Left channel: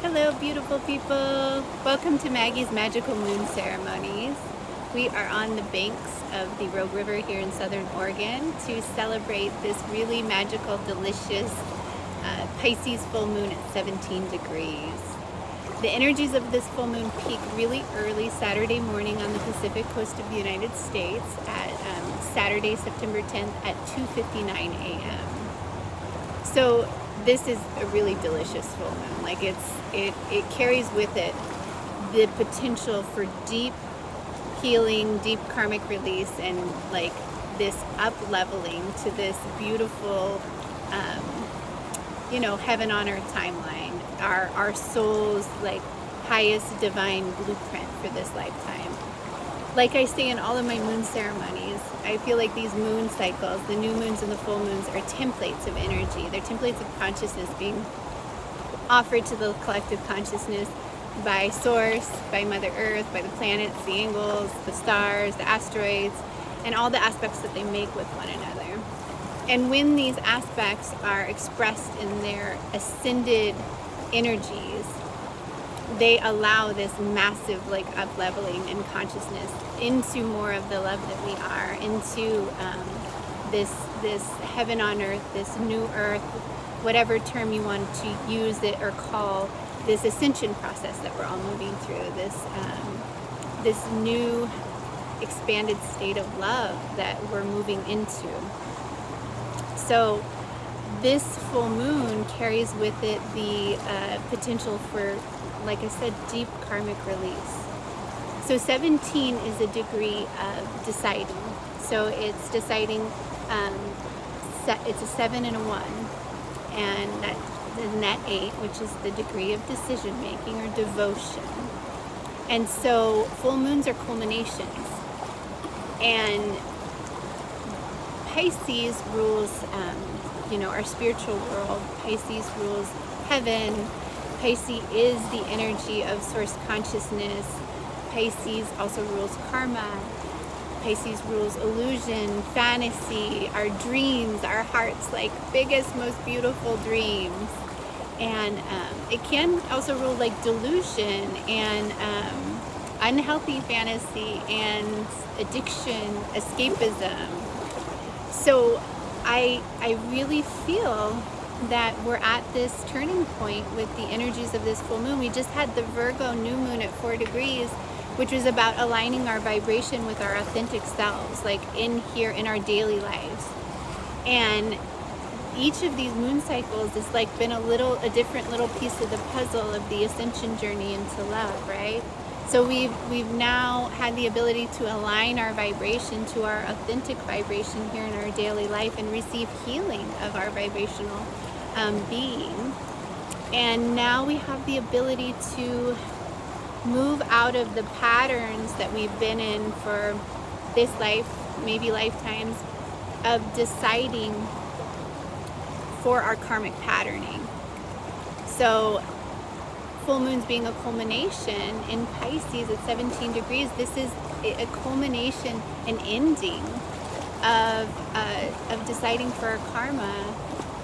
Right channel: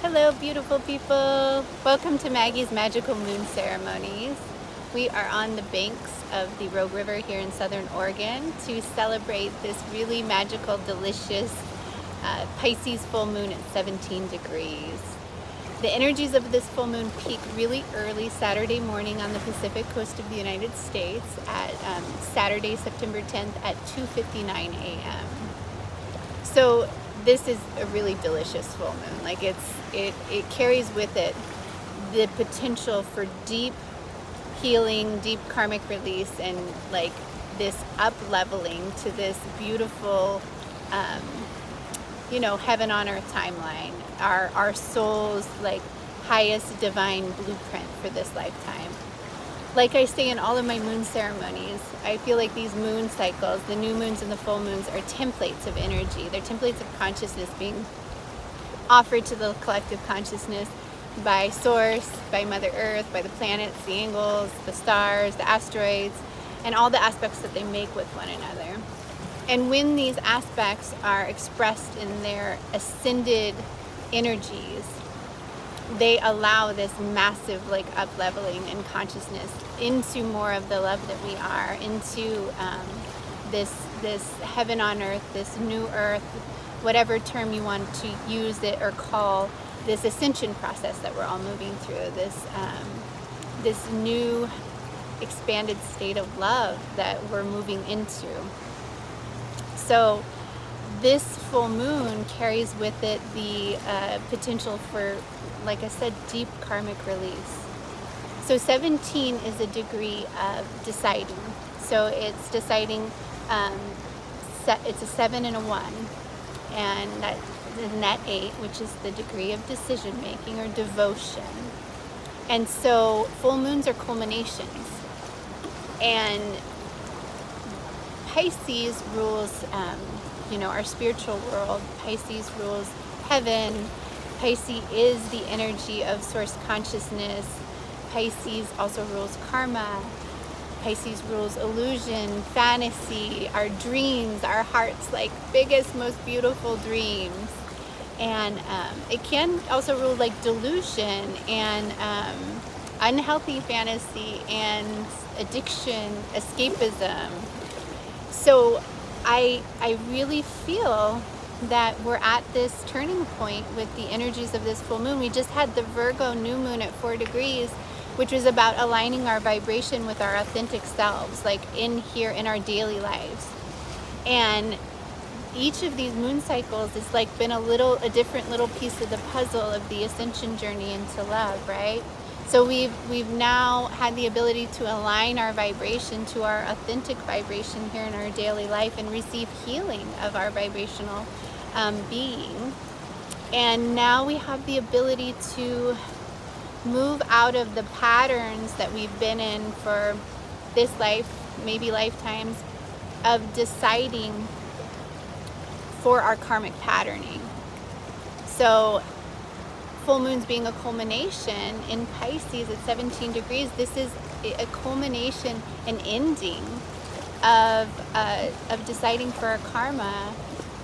Hello, beautiful people. Welcome to Maggie's Magical Moon Ceremonies. We are on the banks of the Rogue River here in Southern Oregon to celebrate this really magical, delicious Pisces full moon at 17 degrees. The energies of this full moon peak really early Saturday morning on the Pacific coast of the United States at Saturday, September 10th at 2:59 a.m. So this is a really delicious full moon. Like it carries with it the potential for deep healing, deep karmic release, and like this up leveling to this beautiful, heaven on earth timeline. Our soul's like highest divine blueprint for this lifetime. Like I say in all of my moon ceremonies, I feel like these moon cycles, the new moons and the full moons, are templates of energy. They're templates of consciousness being offered to the collective consciousness by Source, by Mother Earth, by the planets, the angels, the stars, the asteroids, and all the aspects that they make with one another. And when these aspects are expressed in their ascended energies, they allow this massive like up leveling in consciousness into more of the love that we are, into this heaven on earth, this new earth, whatever term you want to use it or call this ascension process that we're all moving through, this new expanded state of love that we're moving into. So this full moon carries with it the potential for, like I said, deep karmic release. So 17 is a degree of deciding. So it's deciding, it's a 7 and a 1, and that net 8, which is the degree of decision making or devotion. And so full moons are culminations. And Pisces rules, our spiritual world. Pisces rules heaven. Pisces is the energy of source consciousness. Pisces also rules karma. Pisces rules illusion, fantasy, our dreams, our heart's like biggest, most beautiful dreams. And it can also rule like delusion and unhealthy fantasy and addiction, escapism. So I really feel that we're at this turning point with the energies of this full moon. We just had the Virgo new moon at 4 degrees, which was about aligning our vibration with our authentic selves, like in here in our daily lives. And each of these moon cycles has like been a different little piece of the puzzle of the ascension journey into love, right? So we've now had the ability to align our vibration to our authentic vibration here in our daily life and receive healing of our vibrational being. And now we have the ability to move out of the patterns that we've been in for this life, maybe lifetimes, of deciding for our karmic patterning. So full moons being a culmination in Pisces at 17 degrees, this is a culmination, an ending of deciding for our karma,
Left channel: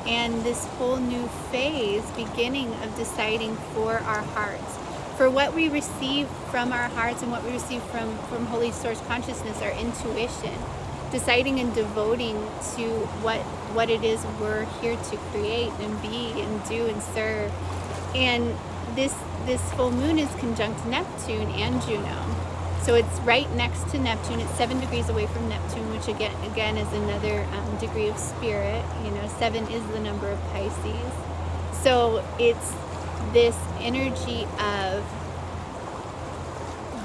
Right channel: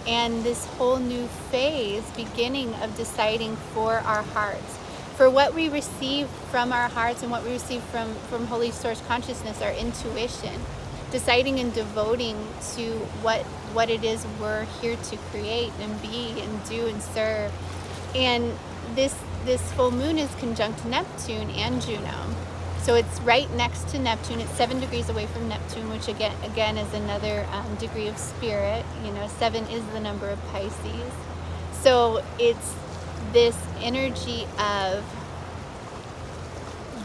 and this whole new phase beginning of deciding for our hearts, for what we receive from our hearts and what we receive from Holy Source Consciousness, our intuition, deciding and devoting to what it is we're here to create and be and do and serve. And this full moon is conjunct Neptune and Juno. So it's right next to Neptune. It's 7 degrees away from Neptune, which again is another degree of spirit. 7 is the number of Pisces. So it's this energy of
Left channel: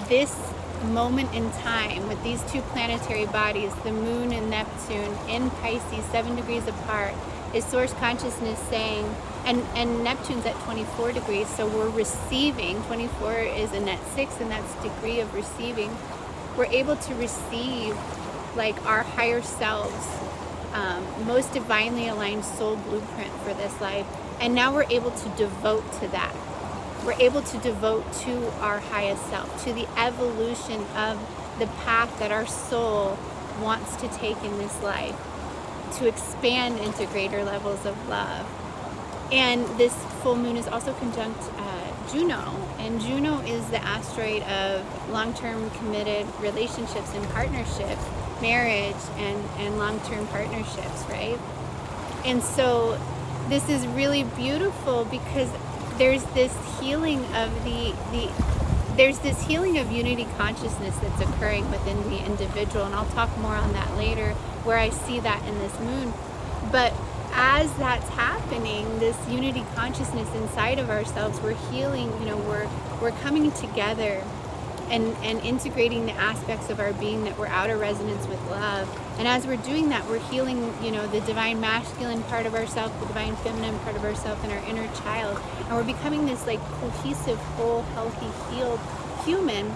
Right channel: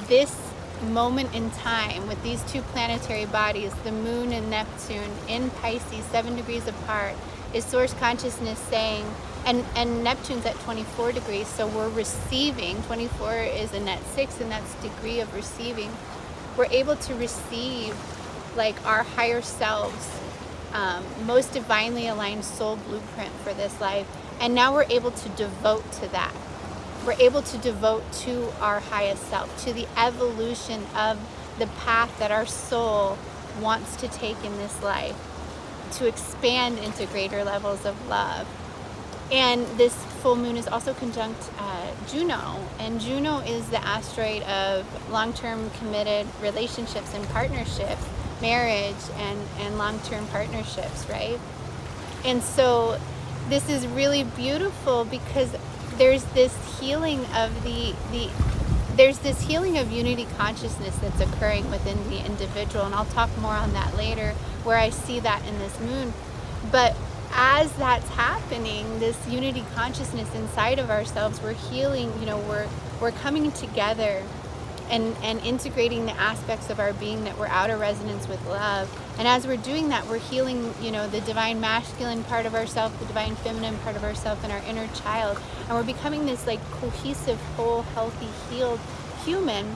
this moment in time with these two planetary bodies, the moon and Neptune in Pisces, 7 degrees apart, is source consciousness saying, and Neptune's at 24 degrees, so we're receiving. 24 is a net 6, and that's degree of receiving. We're able to receive like our higher selves, most divinely aligned soul blueprint for this life, and now we're able to devote to that. We're able to devote to our highest self, to the evolution of the path that our soul wants to take in this life, to expand into greater levels of love. And this full moon is also conjunct Juno, and Juno is the asteroid of long-term committed relationships and partnerships, marriage and long-term partnerships, right? And so this is really beautiful because there's this healing of there's this healing of unity consciousness that's occurring within the individual, and I'll talk more on that later, where I see that in this moon. But as that's happening, this unity consciousness inside of ourselves, we're healing, we're coming together and integrating the aspects of our being that were out of resonance with love. And as we're doing that, we're healing, the divine masculine part of ourselves, the divine feminine part of ourselves, and our inner child. And we're becoming this like cohesive, whole, healthy, healed human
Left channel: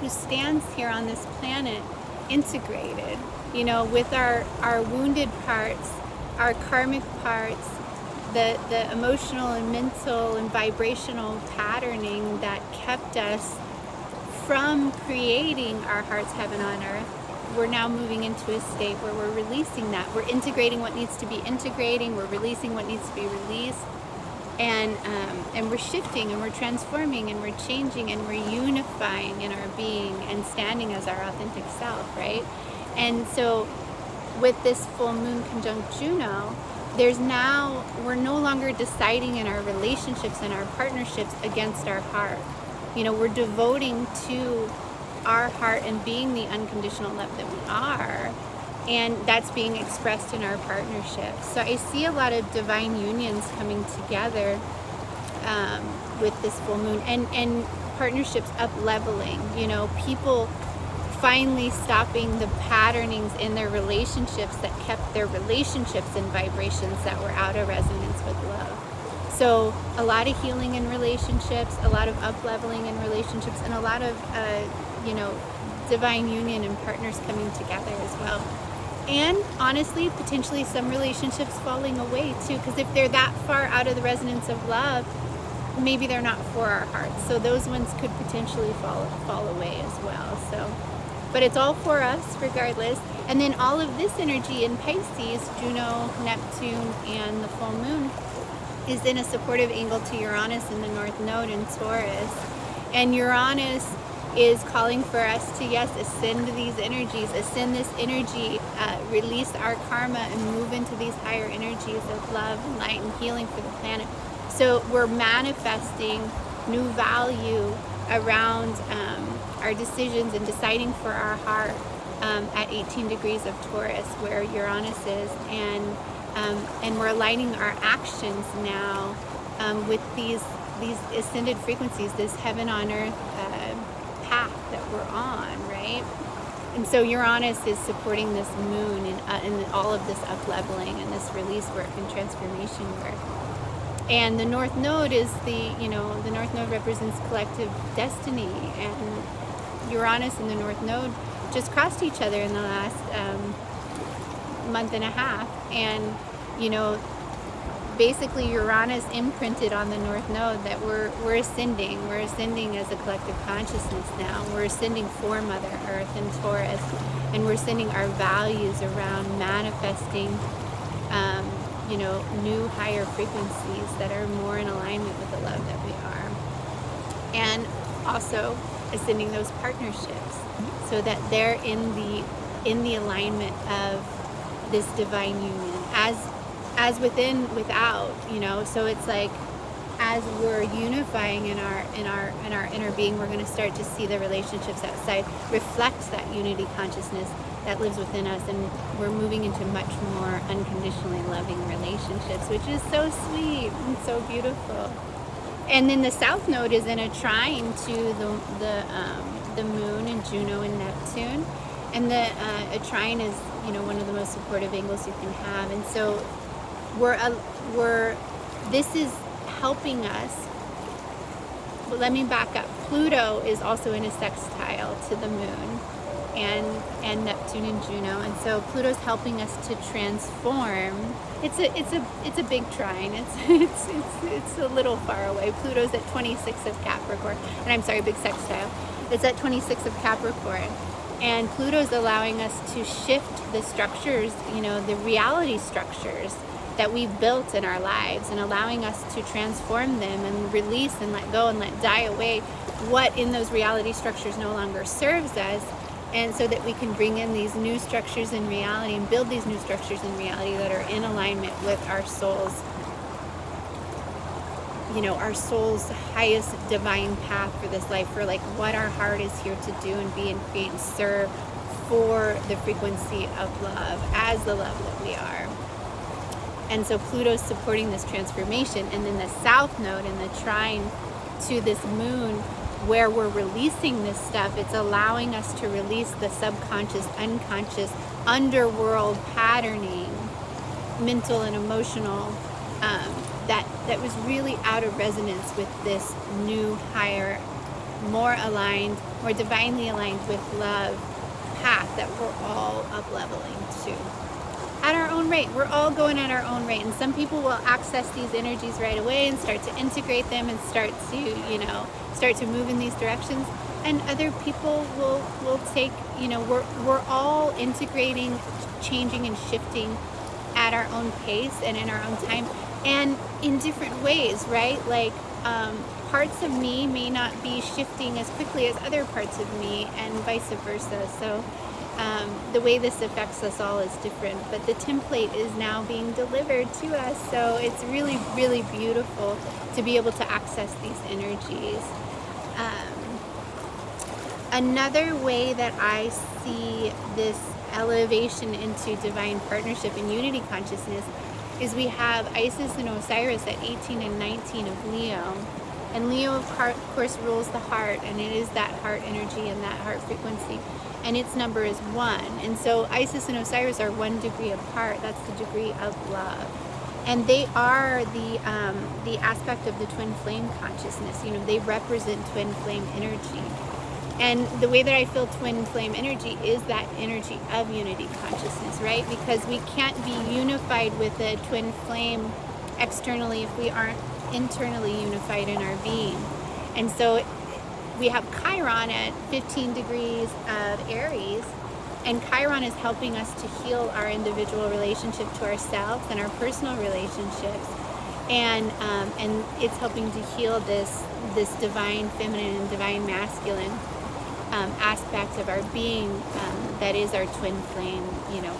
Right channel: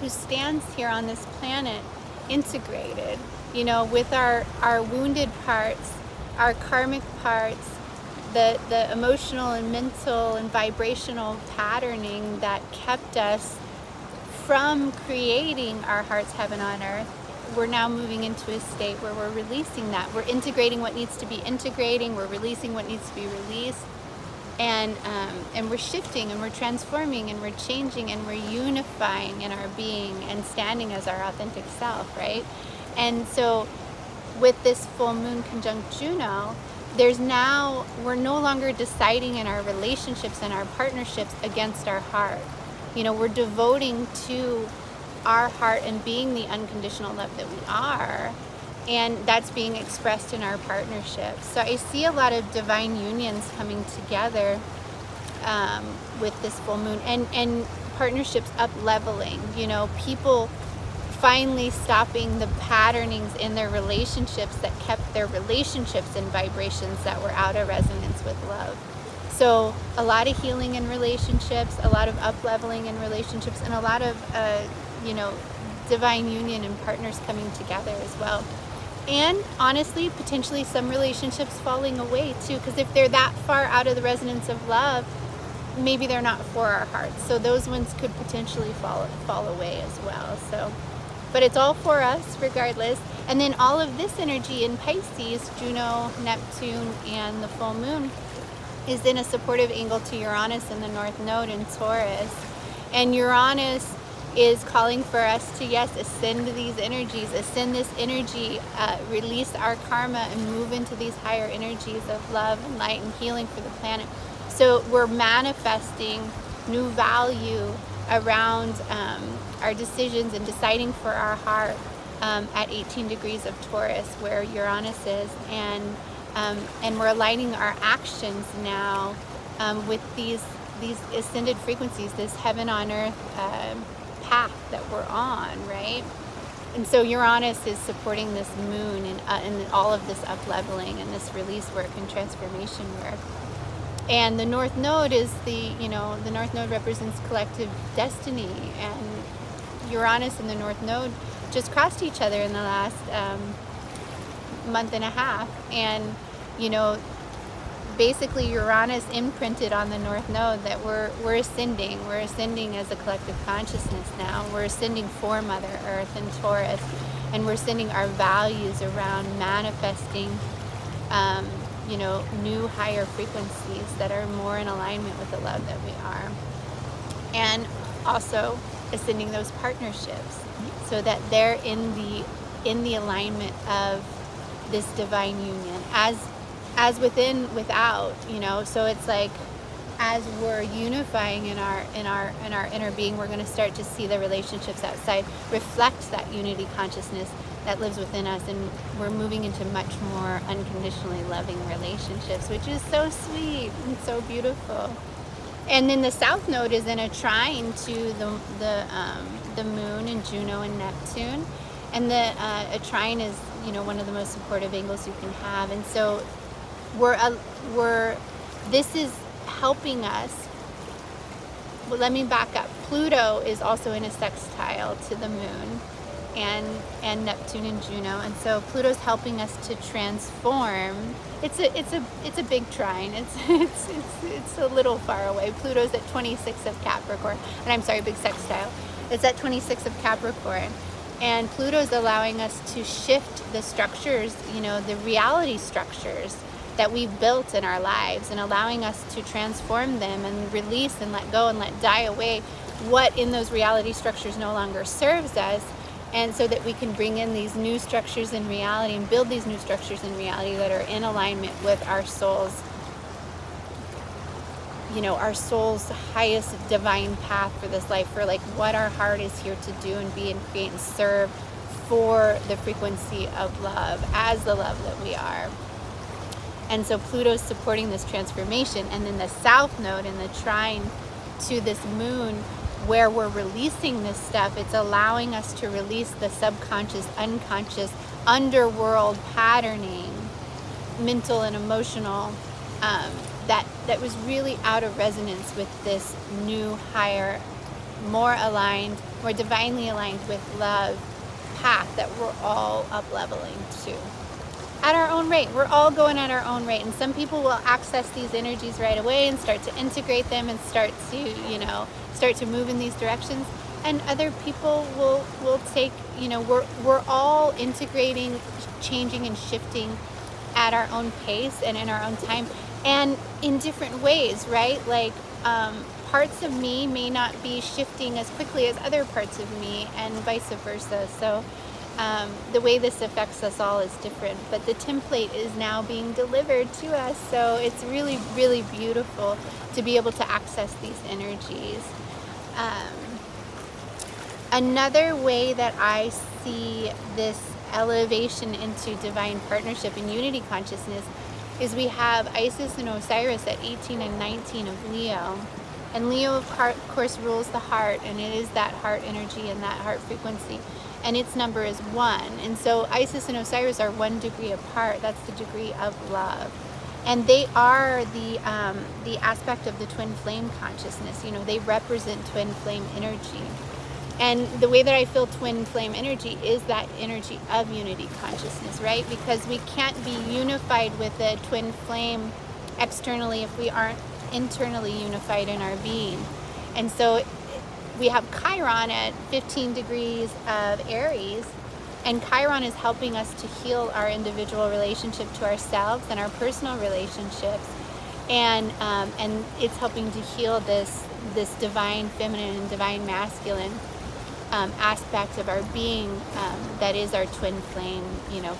who stands here on this planet integrated, with our wounded parts, our karmic parts, the emotional and mental and vibrational patterning that kept us from creating our heart's heaven on earth. We're now moving into a state where we're releasing that. We're integrating what needs to be integrating. We're releasing what needs to be released. And we're shifting and we're transforming and we're changing and we're unifying in our being and standing as our authentic self, right? And so with this full moon conjunct Juno, we're no longer deciding in our relationships and our partnerships against our heart. We're devoting to our heart and being the unconditional love that we are, and that's being expressed in our partnerships. So I see a lot of divine unions coming together with this full moon, and partnerships up leveling, people finally stopping the patternings in their relationships that kept their relationships in vibrations that were out of resonance with love. So a lot of healing in relationships, a lot of up-leveling in relationships, and a lot of, divine union and partners coming together as well. And honestly, potentially some relationships falling away too, because if they're that far out of the resonance of love, maybe they're not for our hearts. So those ones could potentially fall away as well. So, but it's all for us regardless. And then all of this energy in Pisces, Juno, Neptune, and the full moon, is in a supportive angle to Uranus in the North Node in Taurus. And Uranus is calling for us to, yes, ascend these energies, ascend this energy, release our karma, and move into these higher energies of love and light and healing for the planet. So we're manifesting new value around our decisions and deciding for our heart at 18 degrees of Taurus, where Uranus is, and we're aligning our actions now with these ascended frequencies, this heaven on earth path that we're on, right? And so Uranus is supporting this moon and all of this up-leveling and this release work and transformation work. And the North Node is the North Node represents collective destiny, and Uranus and the North Node just crossed each other in the last month and a half. And basically Uranus imprinted on the North Node that we're ascending as a collective consciousness now. We're ascending for Mother Earth and Taurus, and we're sending our values around manifesting new higher frequencies that are more in alignment with the love that we are, and also ascending those partnerships so that they're in the alignment of this divine union, as within, without, so it's like as we're unifying in our inner being, we're going to start to see the relationships outside reflect that unity consciousness that lives within us, and we're moving into much more unconditionally loving relationships, which is so sweet and so beautiful. And then the South Node is in a trine to the Moon and Juno and Neptune, and a trine is one of the most supportive angles you can have, and so this is helping us. But let me back up. Pluto is also in a sextile to the Moon and Neptune and Juno, and so Pluto's helping us to transform. It's a big trine. It's a little far away. Pluto's at 26 of Capricorn, and I'm sorry, big sextile. It's at 26 of Capricorn, and Pluto's allowing us to shift the structures, the reality structures that we've built in our lives, and allowing us to transform them and release and let go and let die away what in those reality structures no longer serves us, and so that we can bring in these new structures in reality and build these new structures in reality that are in alignment with our soul's, our soul's highest divine path for this life, for like what our heart is here to do and be and create and serve for the frequency of love as the love that we are. And so Pluto's supporting this transformation. And then the south node in the trine to this moon, where we're releasing this stuff, it's allowing us to release the subconscious, unconscious, underworld patterning, mental and emotional, that was really out of resonance with this new, higher, more aligned, more divinely aligned with love path that we're all up leveling to at our own rate. We're all going at our own rate, and some people will access these energies right away and start to integrate them and start to move in these directions, and other people will take, we're all integrating, changing and shifting at our own pace and in our own time and in different ways, right? Like parts of me may not be shifting as quickly as other parts of me, and vice versa. So the way this affects us all is different, but the template is now being delivered to us. So it's really, really beautiful to be able to access these energies. Another way that I see this elevation into divine partnership and unity consciousness is we have Isis and Osiris at 18 and 19 of Leo. And Leo, of course, rules the heart, and it is that heart energy and that heart frequency. And its number is 1. And so Isis and Osiris are 1 degree apart. That's the degree of love. And they are the aspect of the twin flame consciousness. They represent twin flame energy. And the way that I feel twin flame energy is that energy of unity consciousness, right? Because we can't be unified with a twin flame externally if we aren't internally unified in our being. And so we have Chiron at 15 degrees of Aries, and Chiron is helping us to heal our individual relationship to ourselves and our personal relationships, and it's helping to heal this divine feminine and divine masculine aspect of our being that is our twin flame,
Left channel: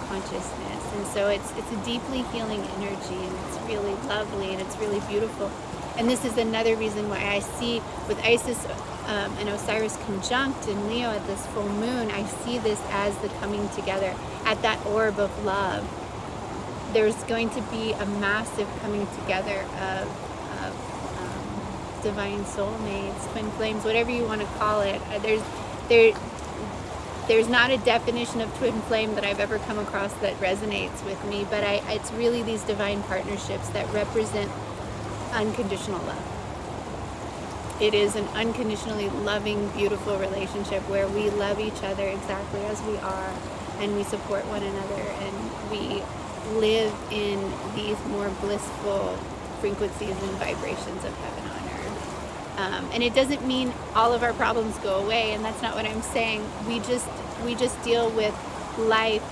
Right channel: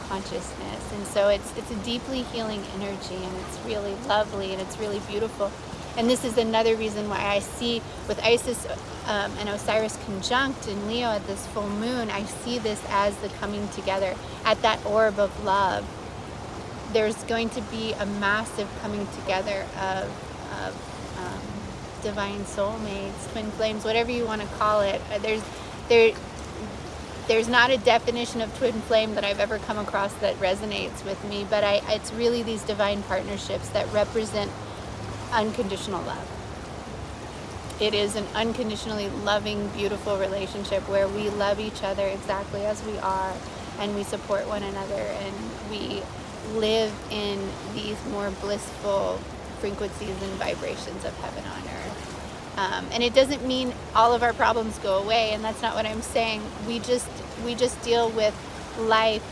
consciousness. And so it's a deeply healing energy, and it's really lovely and it's really beautiful. And this is another reason why I see with Isis and Osiris conjunct in Leo at this full moon, I see this as the coming together at that orb of love. There's going to be a massive coming together of divine soulmates, twin flames, whatever you want to call it. There's not a definition of twin flame that I've ever come across that resonates with me, but it's really these divine partnerships that represent unconditional love. It is an unconditionally loving, beautiful relationship where we love each other exactly as we are, and we support one another, and we live in these more blissful frequencies and vibrations of heaven on earth. And it doesn't mean all of our problems go away, and that's not what I'm saying. We just deal with life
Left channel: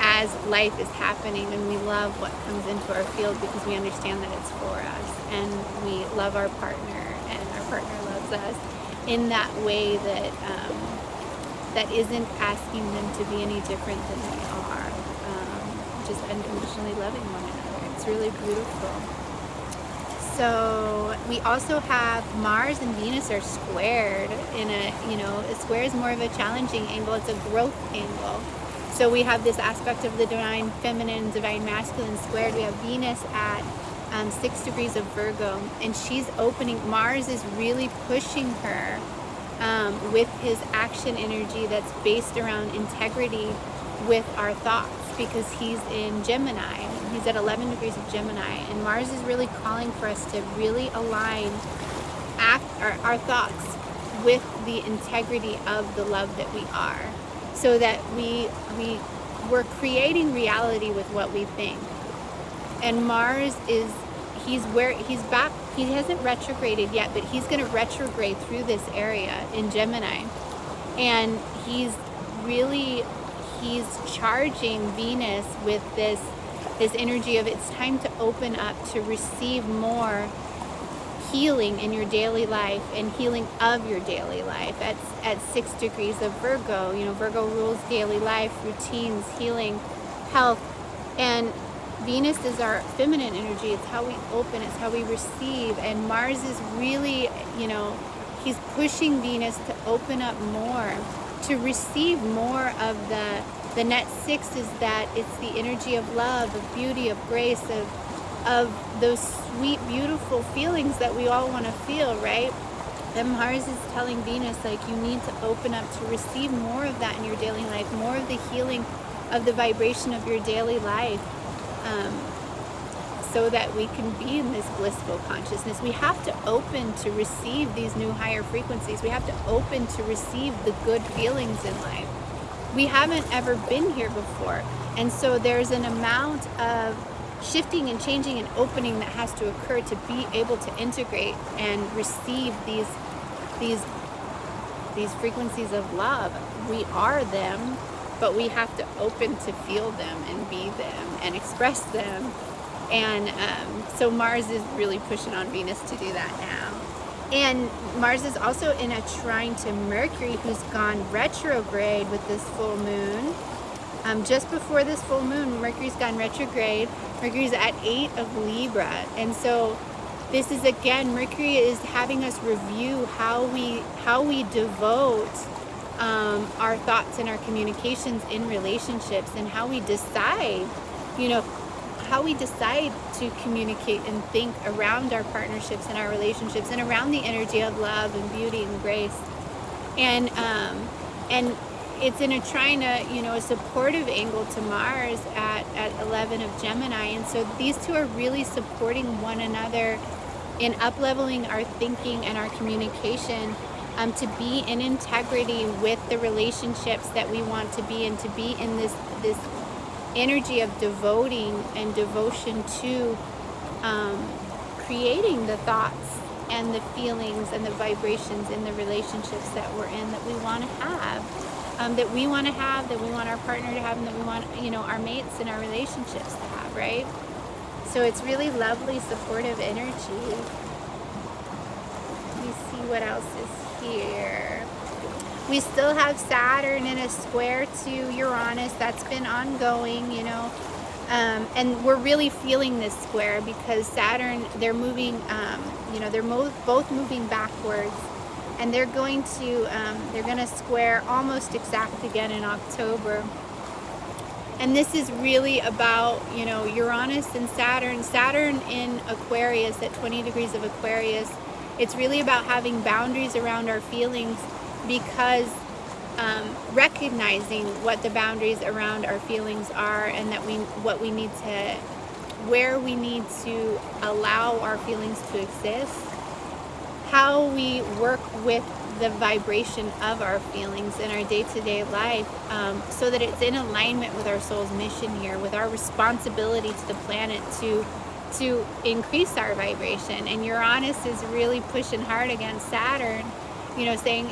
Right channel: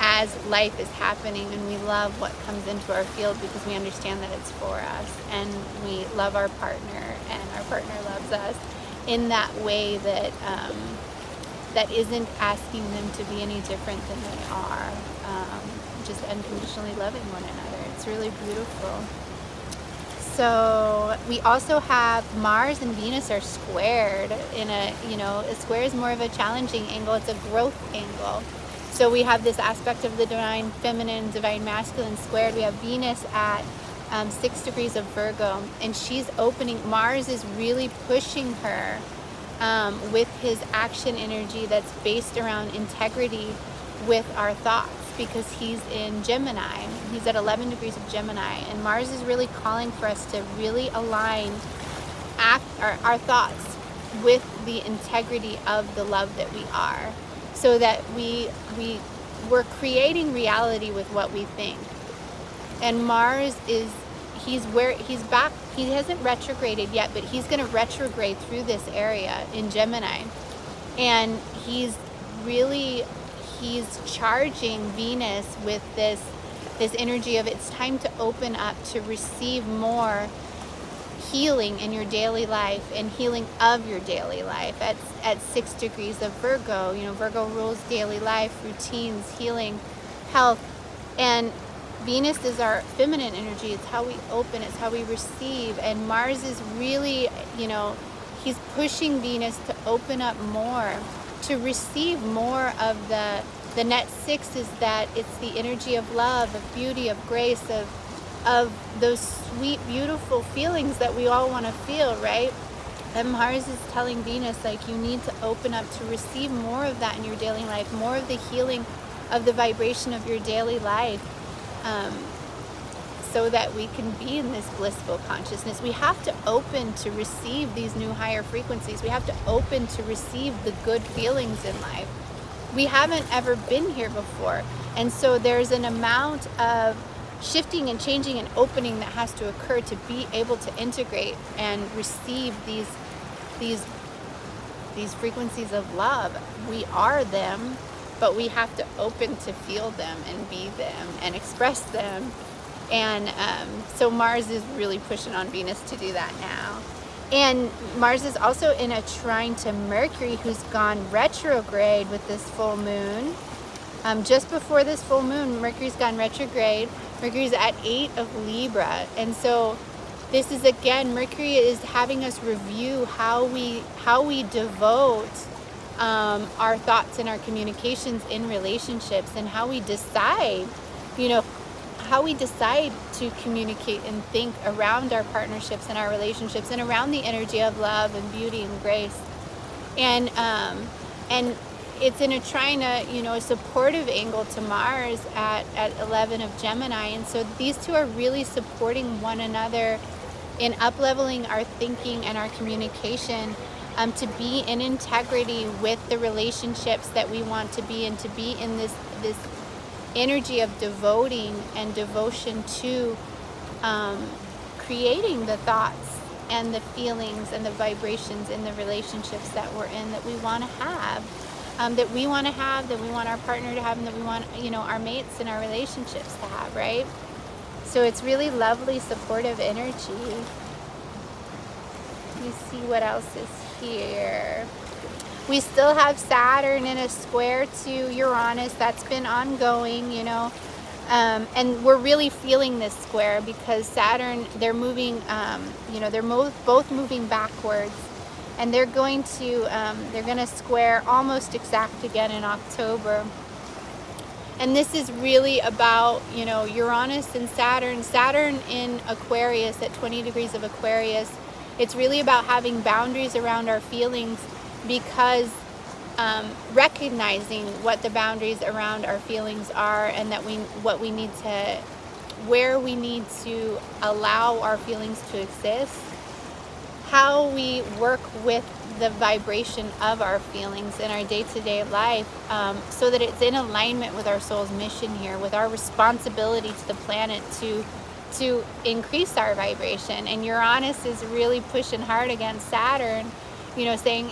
as life is happening, and we love what comes into our field because we understand that it's for us, and we love our partner, and our partner loves us in that way that that isn't asking them to be any different than they are, just unconditionally loving one another. It's really beautiful. So we also have Mars and Venus are squared in a square is more of a challenging angle. It's a growth angle. So we have this aspect of the divine feminine, divine masculine squared. We have Venus at 6 degrees of Virgo, and she's opening. Mars is really pushing her with his action energy that's based around integrity with our thoughts, because he's in Gemini. He's at 11 degrees of Gemini, and Mars is really calling for us to really align our thoughts with the integrity of the love that we are, so that we're creating reality with what we think. And Mars he's back. He hasn't retrograded yet, but he's going to retrograde through this area in Gemini, and he's charging Venus with this this energy of it's time to open up to receive more healing in your daily life and healing of your daily life at 6 degrees of Virgo. You know, Virgo rules daily life, routines, healing, health. And Venus is our feminine energy. It's how we open, it's how we receive. And Mars is really, you know, he's pushing Venus to open up more, to receive more of the net 6 is that it's the energy of love, of beauty, of grace, of those sweet, beautiful feelings that we all want to feel, right? And Mars is telling Venus, like, you need to open up to receive more of that in your daily life, more of the healing of the vibration of your daily life, so that we can be in this blissful consciousness. We have to open to receive these new higher frequencies. We have to open to receive the good feelings in life. We haven't ever been here before. And so there's an amount of shifting and changing and opening that has to occur to be able to integrate and receive these frequencies of love. We are them, but we have to open to feel them and be them and express them. And so Mars is really pushing on Venus to do that now. And Mars is also in a trine to Mercury, who's gone retrograde with this full moon. Just before this full moon, Mercury's gone retrograde. Mercury's at 8 of Libra. And so this is, again, Mercury is having us review how we devote our thoughts and our communications in relationships, and how we decide, you know, how we decide to communicate and think around our partnerships and our relationships and around the energy of love and beauty and grace. And it's in a trine, you know, a supportive angle to Mars at 11 of Gemini. And so these two are really supporting one another in up-leveling our thinking and our communication, to be in integrity with the relationships that we want to be in, to be in this energy of devoting and devotion to creating the thoughts and the feelings and the vibrations in the relationships that we're in, that we want to have, that we want our partner to have, and that we want, you know, our mates in our relationships to have, right? So it's really lovely, supportive energy. Let me see what else is here. We still have Saturn in a square to Uranus. That's been ongoing, you know. And we're really feeling this square because Saturn, they're moving, you know, they're both moving backwards. And they're going to square almost exact again in October. And this is really about, you know, Uranus and Saturn. Saturn in Aquarius at 20 degrees of Aquarius. It's really about having boundaries around our feelings, because recognizing what the boundaries around our feelings are, and that where we need to allow our feelings to exist, how we work with the vibration of our feelings in our day-to-day life, so that it's in alignment with our soul's mission here, with our responsibility to the planet to increase our vibration. And Uranus is really pushing hard against Saturn, you know, saying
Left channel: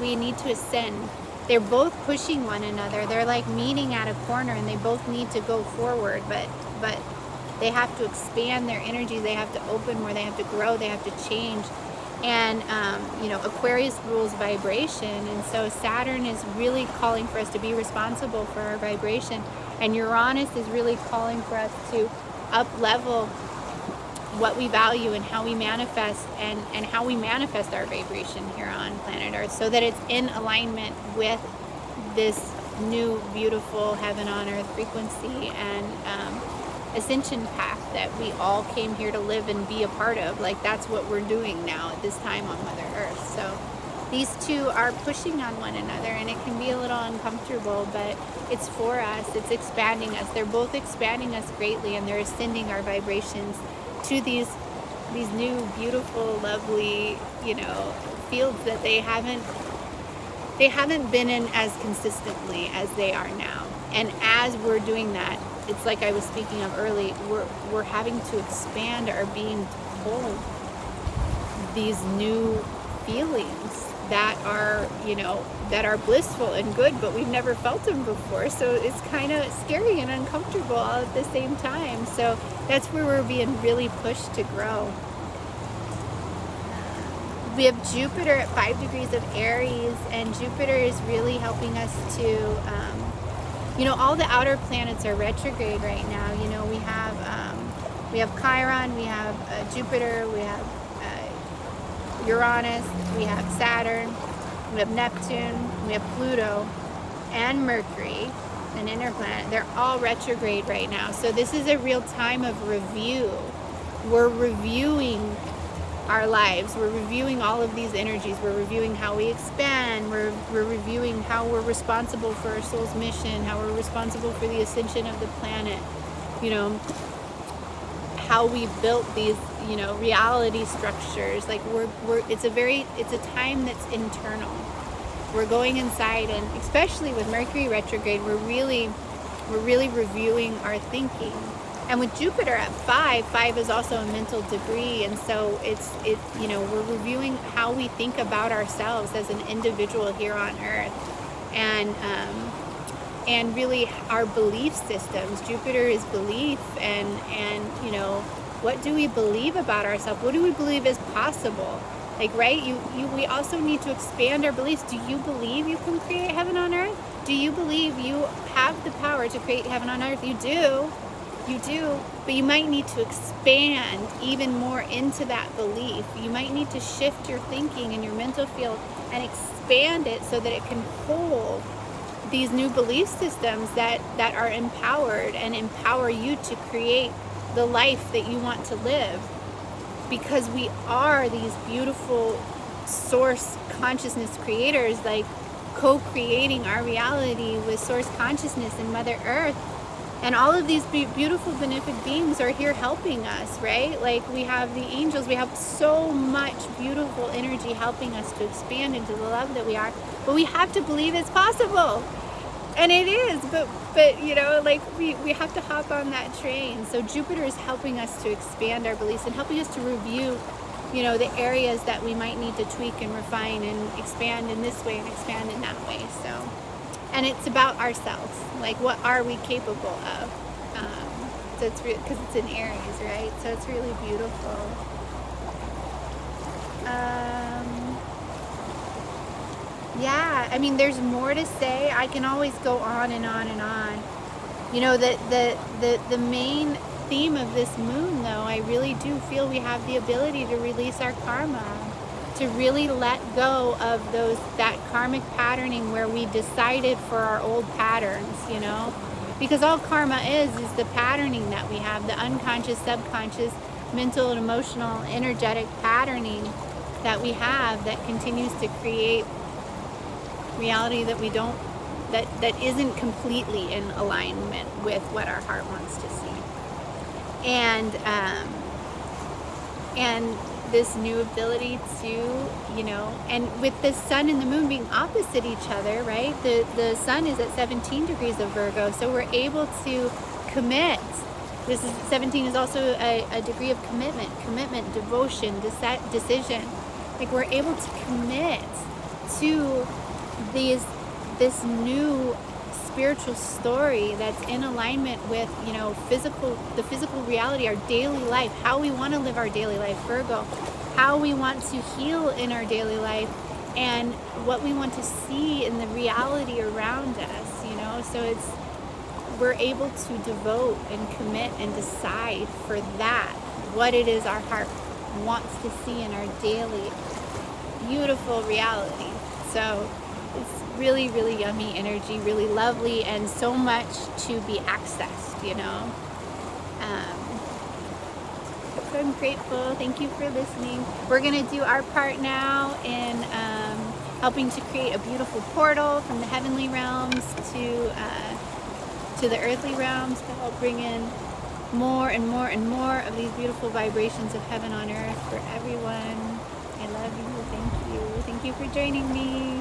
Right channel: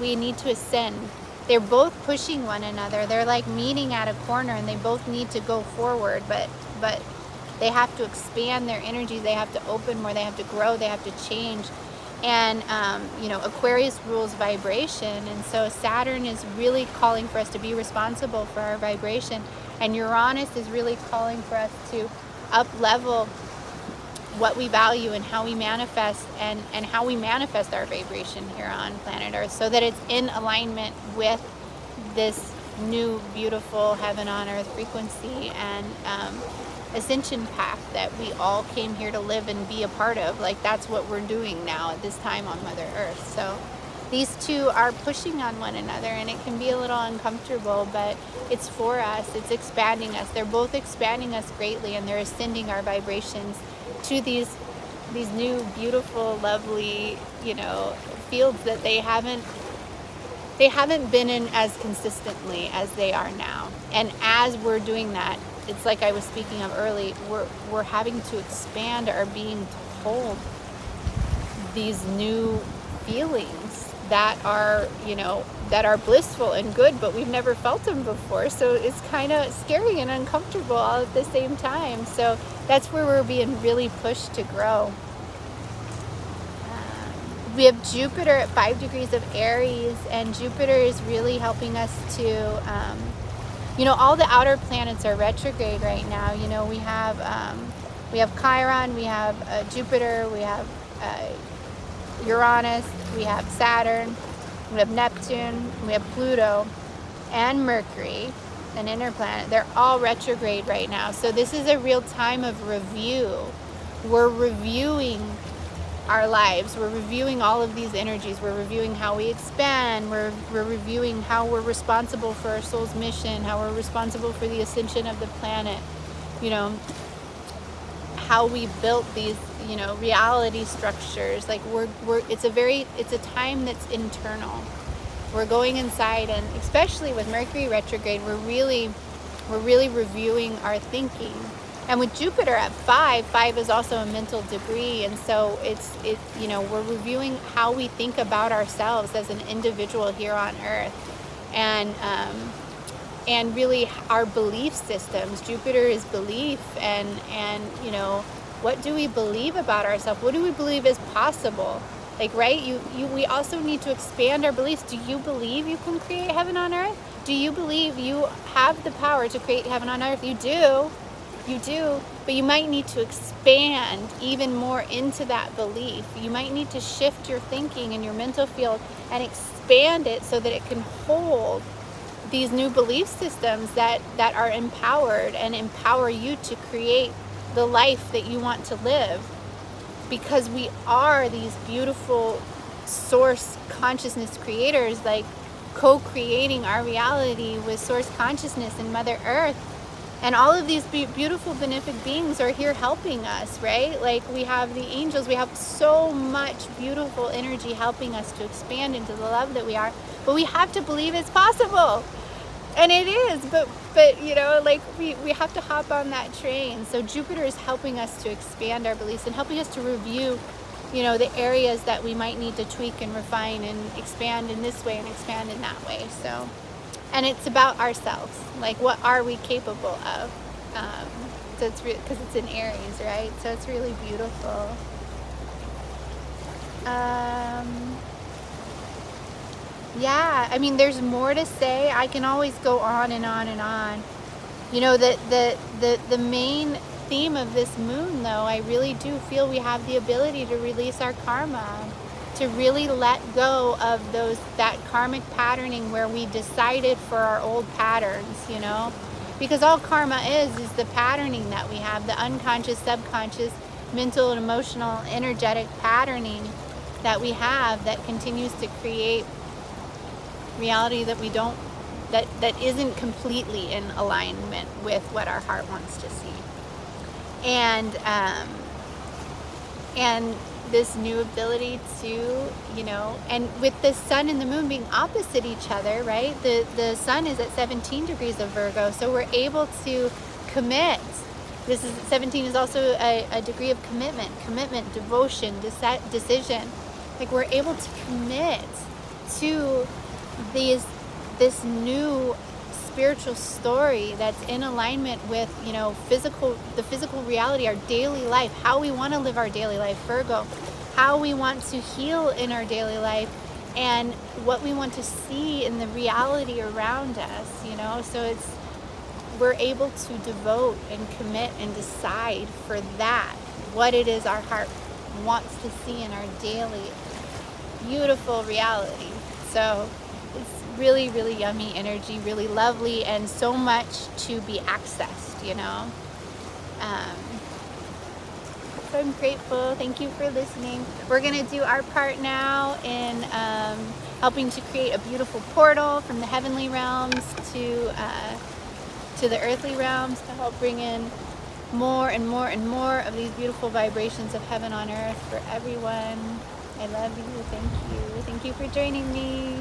we need to ascend. They're both pushing one another. They're like meeting at a corner, and they both need to go forward, but they have to expand their energy. They have to open more. They have to grow. They have to change. And you know, Aquarius rules vibration, and so Saturn is really calling for us to be responsible for our vibration, and Uranus is really calling for us to up-level what we value and how we manifest, and how we manifest our vibration here on planet Earth, so that it's in alignment with this new beautiful heaven on earth frequency and ascension path that we all came here to live and be a part of. Like, that's what we're doing now at this time on Mother Earth. So these two are pushing on one another, and it can be a little uncomfortable, but it's for us. It's expanding us. They're both expanding us greatly, and they're ascending our vibrations to these new, beautiful, lovely, you know, fields that they haven't been in as consistently as they are now. And as we're doing that, it's like I was speaking of early, we're having to expand our being to hold these new feelings that are, that are blissful and good, but we've never felt them before. So it's kind of scary and uncomfortable all at the same time. So that's where we're being really pushed to grow. We have Jupiter at 5 degrees of Aries, and Jupiter is really helping us to, all the outer planets are retrograde right now. We have Chiron, we have Jupiter, we have Uranus, we have Saturn, we have Neptune, we have Pluto, and Mercury, an inner planet. They're all retrograde right now. So this is a real time of review. We're reviewing our lives. We're reviewing all of these energies. We're reviewing how we expand. We're reviewing how we're responsible for our soul's mission, how we're responsible for the ascension of the planet, how we built these, reality structures. Like it's a time that's internal. We're going inside, and especially with Mercury retrograde, we're really reviewing our thinking. And with Jupiter at 5 is also a mental degree, and so we're reviewing how we think about ourselves as an individual here on Earth, and really our belief systems. Jupiter is belief, and what do we believe about ourselves? What do we believe is possible? Like, right? We also need to expand our beliefs. Do you believe you can create heaven on earth? Do you believe you have the power to create heaven on earth? You do. You do, but you might need to expand even more into that belief. You might need to shift your thinking in your mental field and expand it so that it can hold these new belief systems that are empowered and empower you to create the life that you want to live. Because we are these beautiful source consciousness creators, like co-creating our reality with source consciousness and Mother Earth. And all of these beautiful benefic beings are here helping us, right? Like, we have the angels, we have so much beautiful energy helping us to expand into the love that we are. But we have to believe it's possible. And it is, but we have to hop on that train. So Jupiter is helping us to expand our beliefs and helping us to review, the areas that we might need to tweak and refine and expand in this way and expand in that way. So, and it's about ourselves. Like, what are we capable of? So it's because it's in Aries, right? So it's really beautiful. Yeah, I mean, there's more to say. I can always go on and on and on. The main theme of this moon, though, I really do feel we have the ability to release our karma, to really let go of that karmic patterning where we decided for our old patterns, because all karma is the patterning that we have, the unconscious, subconscious, mental and emotional, energetic patterning that we have that continues to create reality that we don't, that isn't completely in alignment with what our heart wants to see. And this new ability to, and with the sun and the moon being opposite each other, right? The sun is at 17 degrees of Virgo, so we're able to commit. 17 is also a degree of commitment, devotion, decision. Like, we're able to commit to this new spiritual story that's in alignment with, the physical reality, our daily life, how we want to live our daily life, Virgo, how we want to heal in our daily life, and what we want to see in the reality around us, so we're able to devote and commit and decide for that, what it is our heart wants to see in our daily beautiful reality. So it's really, really yummy energy, really lovely, and so much to be accessed, So I'm grateful. Thank you for listening. We're going to do our part now in helping to create a beautiful portal from the heavenly realms to the earthly realms, to help bring in more and more and more of these beautiful vibrations of heaven on earth for everyone. I love you. Thank you. Thank you for joining me.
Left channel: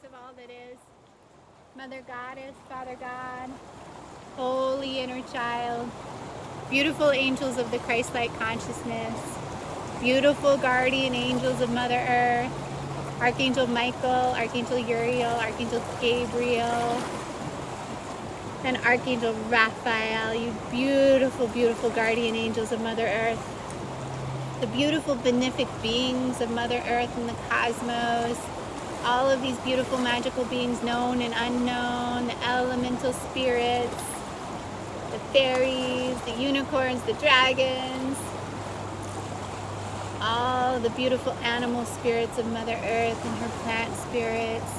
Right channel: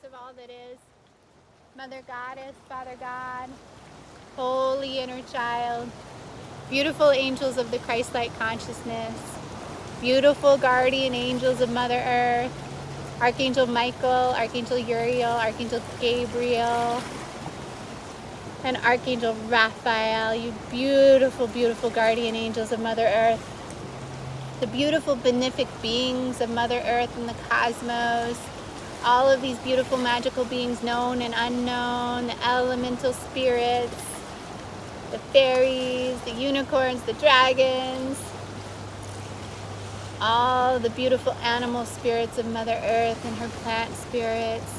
source of all that is. Mother Goddess, Father God, Holy Inner Child, beautiful angels of the Christ-like consciousness, beautiful guardian angels of Mother Earth, Archangel Michael, Archangel Uriel, Archangel Gabriel, and Archangel Raphael, you beautiful, beautiful guardian angels of Mother Earth, the beautiful benefic beings of Mother Earth and the cosmos, all of these beautiful magical beings, known and unknown, the elemental spirits, the fairies, the unicorns, the dragons, all the beautiful animal spirits of Mother Earth and her plant spirits,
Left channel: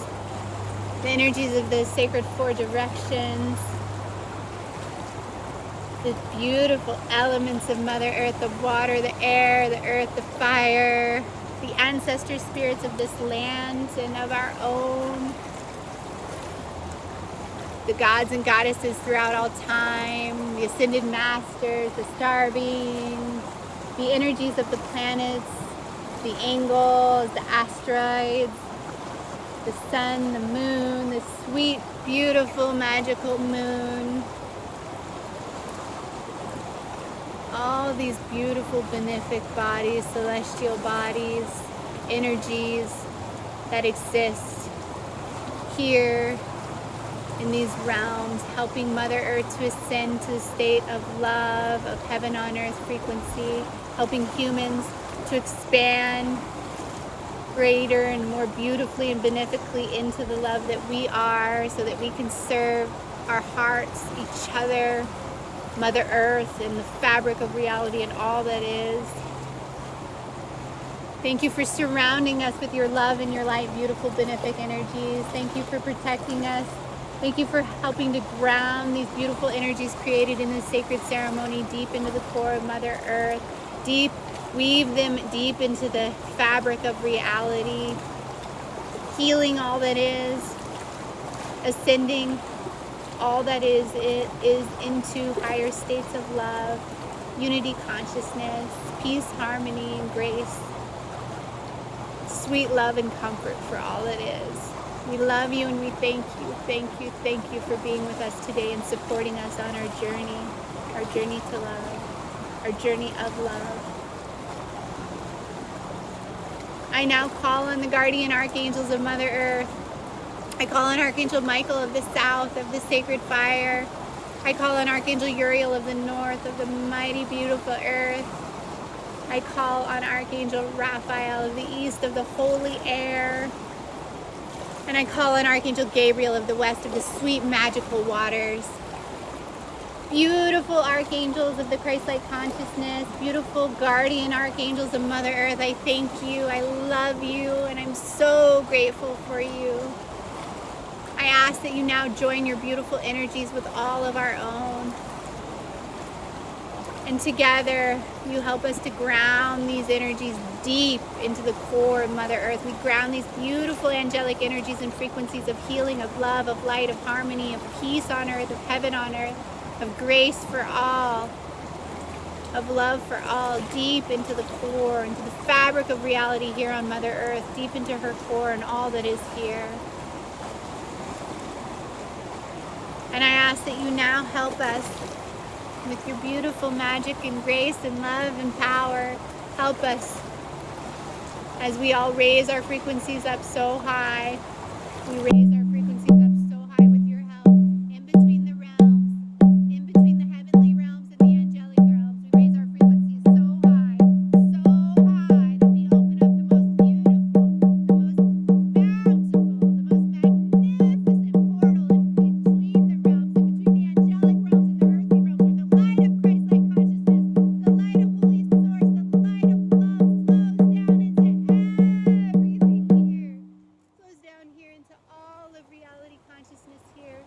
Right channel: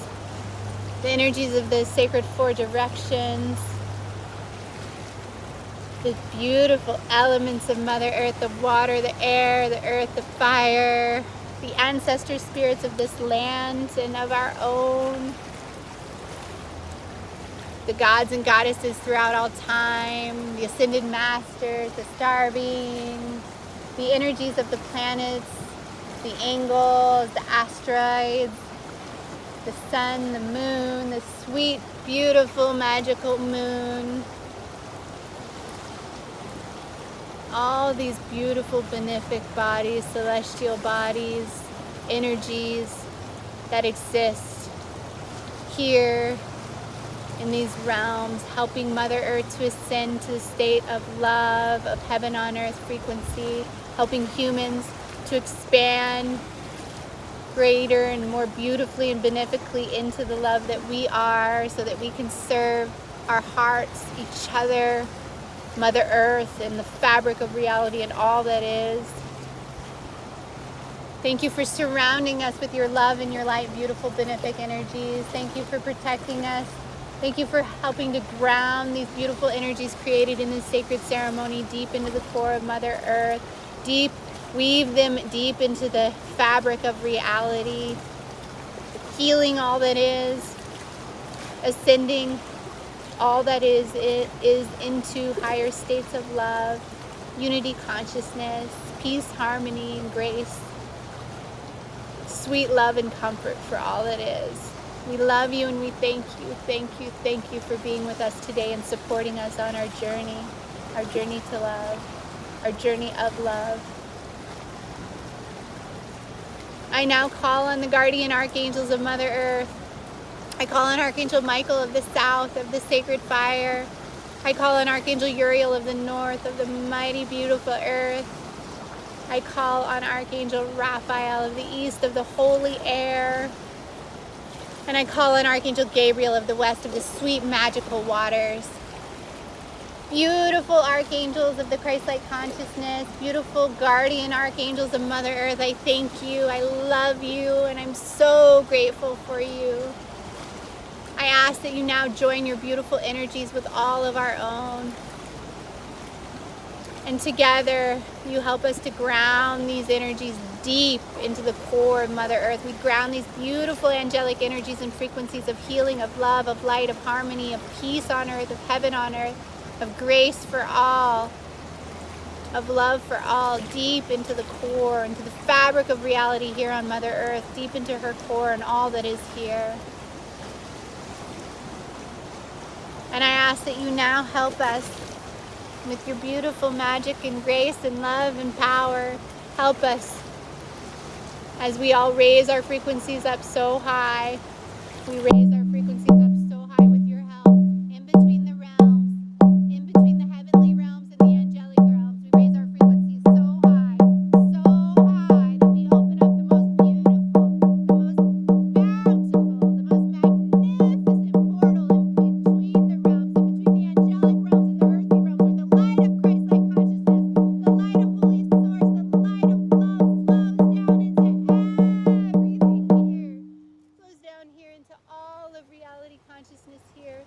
the energies of the sacred four directions, the beautiful elements of Mother Earth, the water, the air, the earth, the fire, the ancestor spirits of this land and of our own, the gods and goddesses throughout all time, the ascended masters, the star beings, the energies of the planets, the angels, the asteroids, the sun, the moon, the sweet, beautiful, magical moon. All these beautiful benefic bodies, celestial bodies, energies that exist here in these realms, helping Mother Earth to ascend to the state of love, of heaven on earth frequency, helping humans to expand greater and more beautifully and benefically into the love that we are, so that we can serve our hearts, each other, Mother Earth, and the fabric of reality and all that is. Thank you for surrounding us with your love and your light, beautiful benefic energies. Thank you for protecting us. Thank you for helping to ground these beautiful energies created in this sacred ceremony deep into the core of Mother Earth. Weave them deep into the fabric of reality, healing all that is, ascending all that is into higher states of love, unity consciousness, peace, harmony, and grace, sweet love and comfort for all it is. We love you and we thank you, thank you, thank you for being with us today and supporting us on our journey to love, our journey of love. I now call on the guardian archangels of Mother Earth. I call on Archangel Michael of the south, of the sacred fire. I call on Archangel Uriel of the north, of the mighty, beautiful earth. I call on Archangel Raphael of the east, of the holy air. And I call on Archangel Gabriel of the west, of the sweet, magical waters. Beautiful archangels of the Christ-like consciousness, beautiful guardian archangels of Mother Earth, I thank you, I love you, and I'm so grateful for you. I ask that you now join your beautiful energies with all of our own. And together, you help us to ground these energies deep into the core of Mother Earth. We ground these beautiful angelic energies and frequencies of healing, of love, of light, of harmony, of peace on earth, of heaven on earth, of grace for all, of love for all, deep into the core, into the fabric of reality here on Mother Earth, deep into her core and all that is here. And I ask that you now help us with your beautiful magic and grace and love and power. Help us as we all raise our frequencies up so high. We raise our frequencies up so high with your help, in between the realms, in between the heavenly realms and the angelic realms. We raise our frequencies so high that we open up the most beautiful, the most bountiful, the most magnificent portal in between the realms, in between the angelic realms and the earthly realms, where the light of Christ-like consciousness, the light of Holy Source, the light of love flows down into everything here. Flows down here into all of reality consciousness here,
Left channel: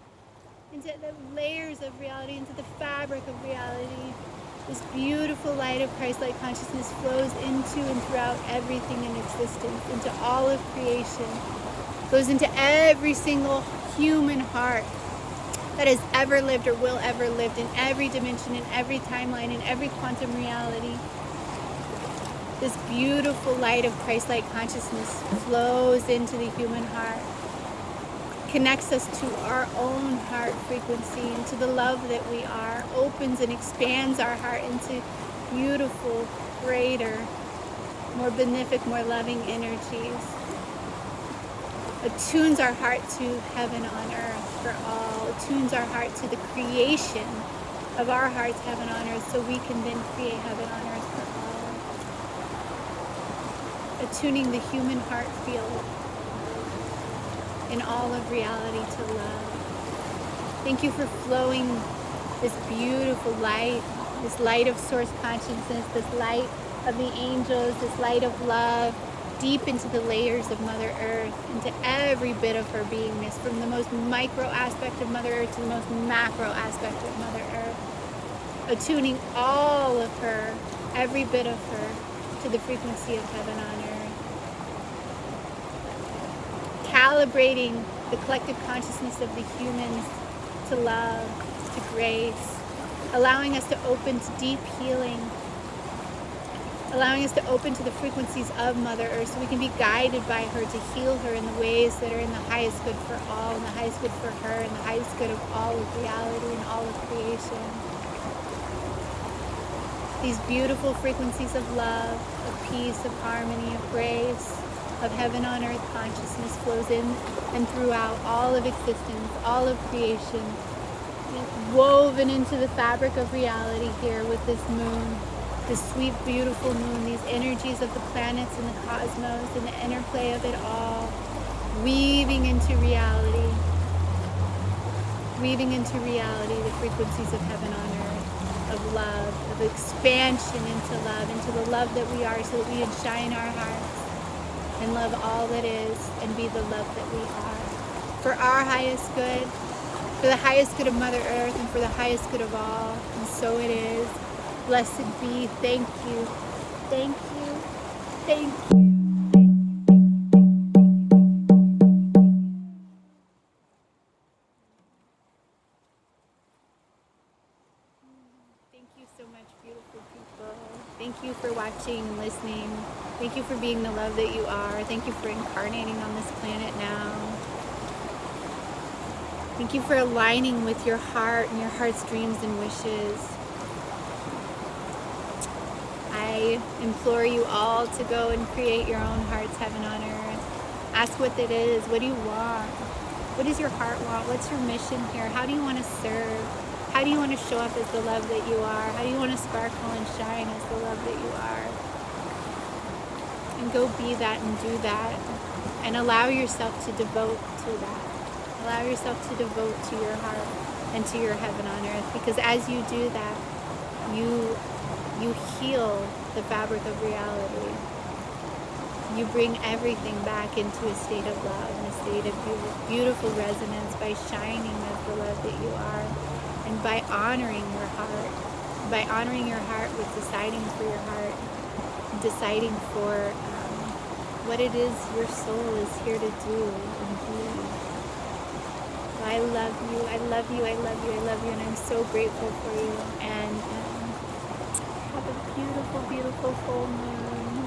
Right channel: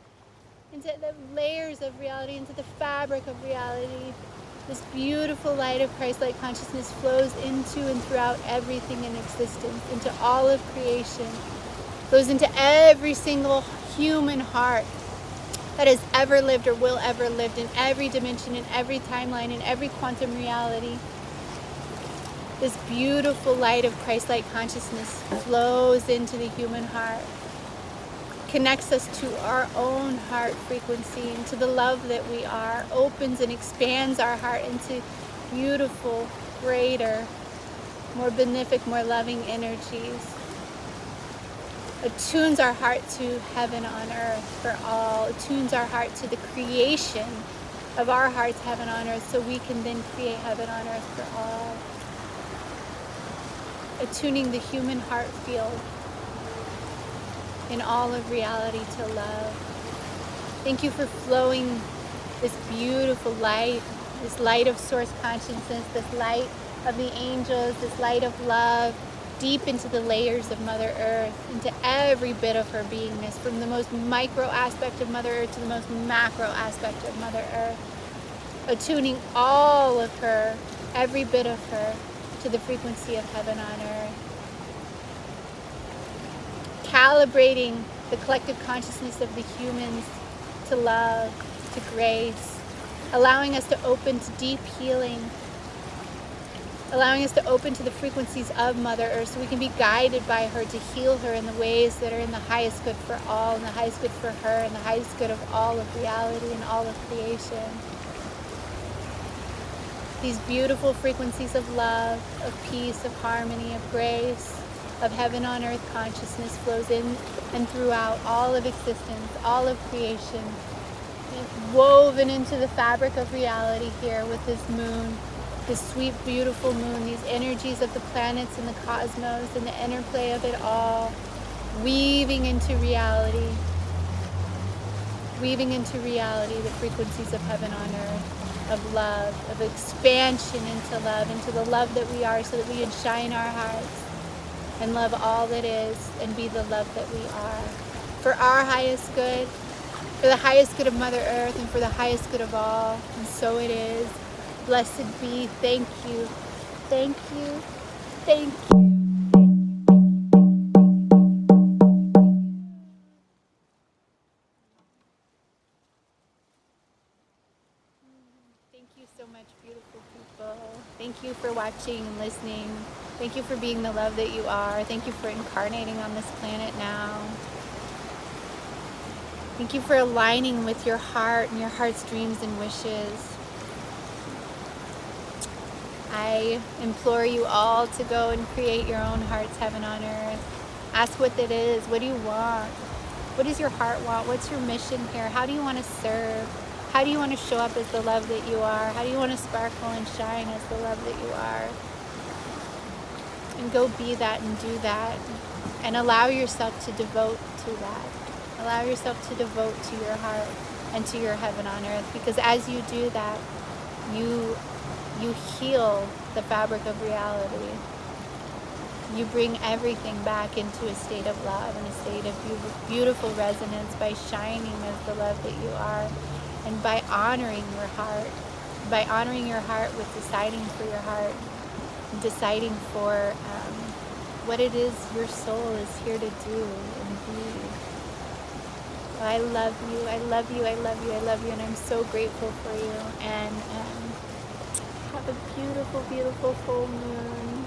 into the layers of reality, into the fabric of reality. This beautiful light of Christ-like consciousness flows into and throughout everything in existence, into all of creation, goes into every single human heart that has ever lived or will ever live, in every dimension, in every timeline, in every quantum reality. This beautiful light of Christ-like consciousness flows into the human heart. connects us to our own heart frequency, into the love that we are, opens and expands our heart into beautiful, greater, more benefic, more loving energies. Attunes our heart to heaven on earth for all. Attunes our heart to the creation of our hearts, heaven on earth, so we can then create heaven on earth for all. Attuning the human heart field in all of reality to love. Thank you for flowing this beautiful light, this light of source consciousness, this light of the angels, this light of love, deep into the layers of Mother Earth, into every bit of her beingness, from the most micro aspect of Mother Earth to the most macro aspect of Mother Earth. Attuning all of her, every bit of her, to the frequency of heaven on earth. Calibrating the collective consciousness of the humans to love, to grace, allowing us to open to deep healing, allowing us to open to the frequencies of Mother Earth so we can be guided by her to heal her in the ways that are in the highest good for all, and the highest good for her, and the highest good of all of reality and all of creation. These beautiful frequencies of love, of peace, of harmony, of grace, of heaven on earth consciousness flows in and throughout all of existence, all of creation, woven into the fabric of reality here with this moon, this sweet, beautiful moon, these energies of the planets and the cosmos and the interplay of it all, weaving into reality, the frequencies of heaven on earth, of love, of expansion into love, into the love that we are, so that we can shine our hearts and love all that is and be the love that we are. For our highest good, for the highest good of Mother Earth, and for the highest good of all. And so it is. Blessed be. Thank you. Thank you. Thank you. Thank you so much, beautiful people. Thank you for watching and listening. Thank you for being the love that you are. Thank you for incarnating on this planet now. Thank you for aligning with your heart and your heart's dreams and wishes. I implore you all to go and create your own heart's heaven on earth. Ask what it is. What do you want? What does your heart want? What's your mission here? How do you want to serve? How do you want to show up as the love that you are? How do you want to sparkle and shine as the love that you are? And go be that and do that. And allow yourself to devote to that. Allow yourself to devote to your heart and to your heaven on earth. Because as you do that, you heal the fabric of reality. You bring everything back into a state of love and a state of beautiful resonance by shining as the love that you are, and by honoring your heart with deciding for your heart, deciding for what it is your soul is here to do and be. So I love you, I love you, I love you, I love you, and I'm so grateful for you. And have a beautiful, beautiful full moon.